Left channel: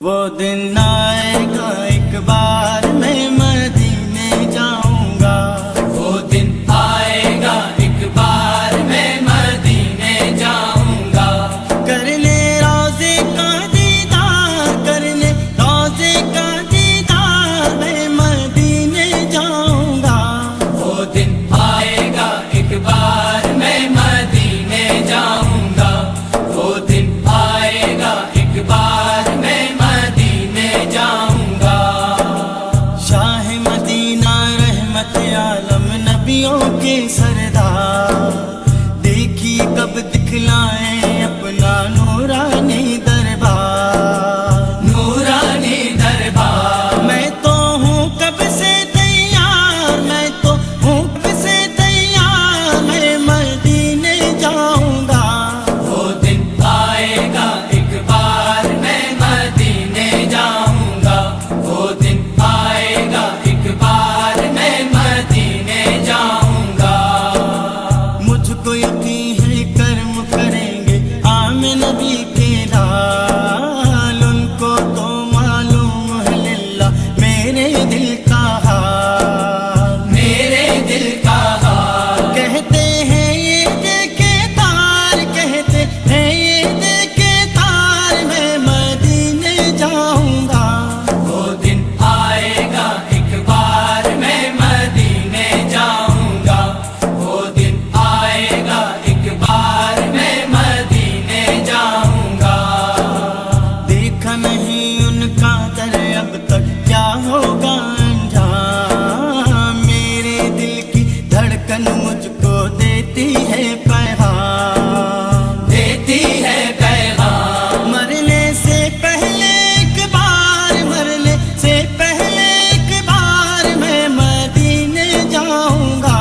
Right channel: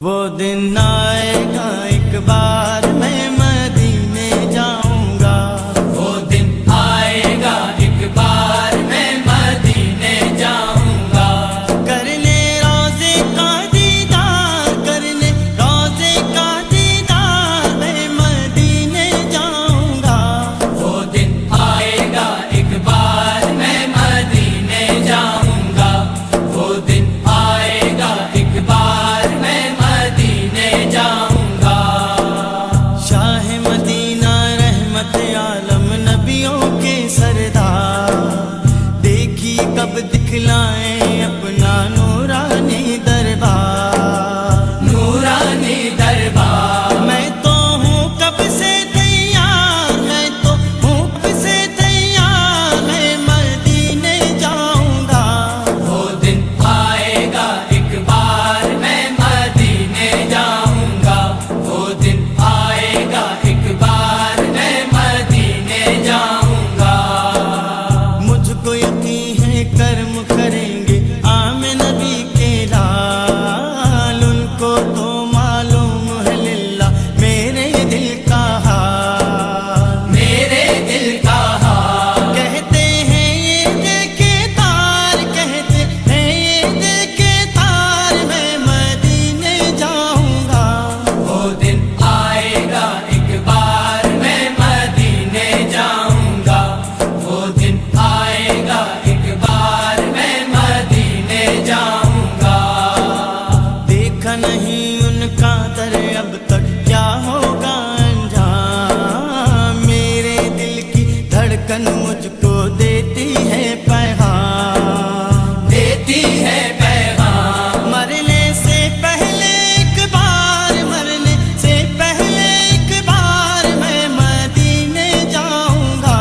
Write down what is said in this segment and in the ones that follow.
وہ دن آئے گا ایک بار میں مدینے جاؤں گا، وہ دن آئے گا ایک بار میں مدینے جاؤں گا، کرنے روضے کا دیدار، کرنے روضے کا دیدار میں مدینے جاؤں گا، وہ دن آئے گا ایک بار میں مدینے جاؤں گا، وہ دن آئے گا ایک بار میں مدینے جاؤں گا۔ شاہ مدینہ رحمت عالم نبیوں کے سردار، دیکھیے کب دکھلائیں اپنا نورانی دربار، نورانی دربار، میں تو ہوں کب سے تیار، میں تو ہوں کب سے تیار، میں مدینے جاؤں گا، وہ دن آئے گا ایک بار میں مدینے جاؤں گا، وہ دن آئے گا ایک بار میں مدینے جاؤں گا۔ مجھ کو یقین ہے کرم کریں گے عام نبی کے لال، ان کو تو معلوم ہے للہ میرے دل کا حال، میرے دل کا حال، کہتے ہیں یہ دیکھے تار، کہتے ہیں یہ دیکھے تار، میں مدینے جاؤں گا، وہ دن آئے گا ایک بار میں مدینے جاؤں گا، وہ دن آئے گا ایک بار میں مدینے جاؤں گا۔ دیکھا نہیں ان کا در اب تک کیا ہوگا انجام، میرے دل کی دھڑکن مجھ کو دیتی ہے پیغام، دیتی ہے پیغام، مرنے سے پہلے ایک بار، مرنے سے پہلے ایک بار میں مدینے جاؤں گا،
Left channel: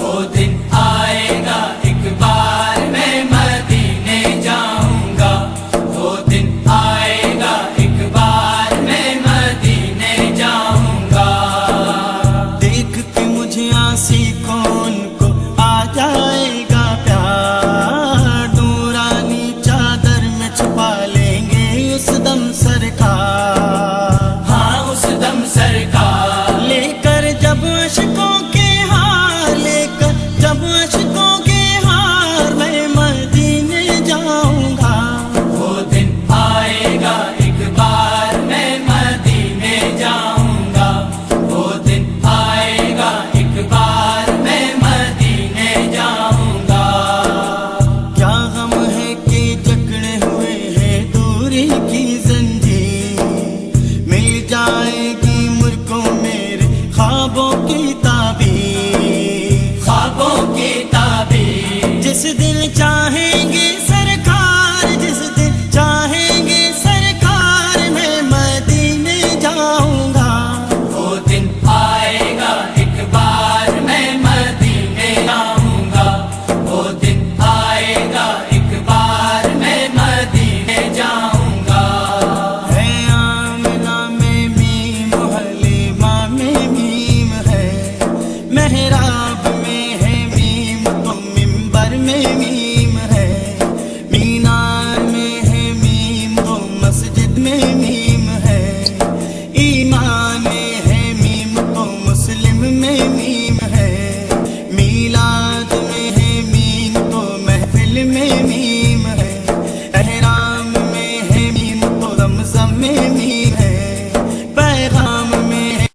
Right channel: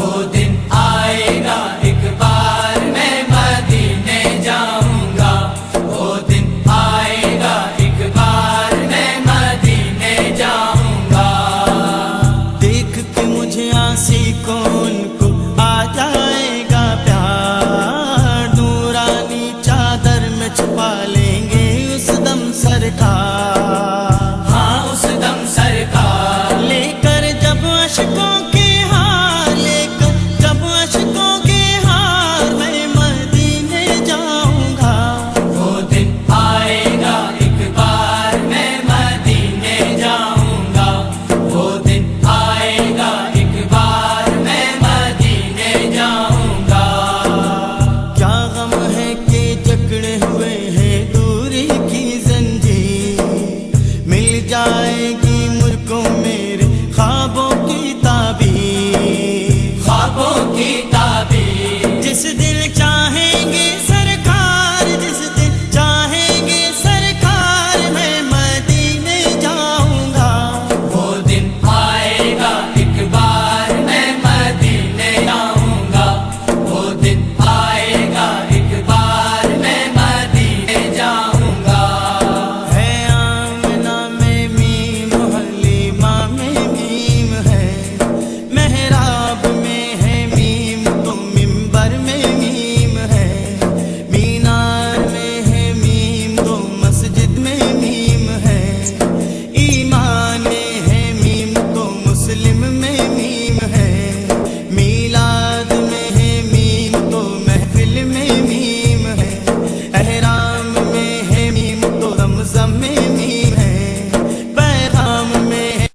وہ دن آئے گا ایک بار میں مدینے جاؤں گا، وہ دن آئے گا ایک بار میں مدینے جاؤں گا۔ دیکھ کے مجھے آسی کون کو آ جائے گا پیار، نورانی چادر میں چھپا لیں گے اس دم سرکار، ہاں اس دم سرکار، لے کر جب اشکوں کے ہار، لے کر جب اشکوں کے ہار میں مدینے جاؤں گا، وہ دن آئے گا ایک بار میں مدینے جاؤں گا، وہ دن آئے گا ایک بار میں مدینے جاؤں گا۔ کیا غم ہے کہ جکڑے ہوئے ہیں دوری کی زنجیر، مل جائے گی مجھ کو میرے خوابوں کی تعبیر، خوابوں کی تعبیر، جس دن چاہیں گے سرکار، جس دن چاہیں گے سرکار میں مدینے جاؤں گا، وہ دن آئے گا ایک بار میں مدینے جاؤں گا، وہ دن آئے گا ایک بار میں مدینے جاؤں گا۔ ہے آمنہ میں میم، حلیمہ میں میم ہے، محراب میں ہے میم تو منبر میں میم ہے، مینار میں ہے میم تو مسجد میں میم ہے، ایمان میں ہے میم تو مسلم میں میم ہے، میلاد میں ہے میم تو محفل میں میم ہے، احرام میں ہے میم تو زمزم میں میم ہے، پیغام میں ہے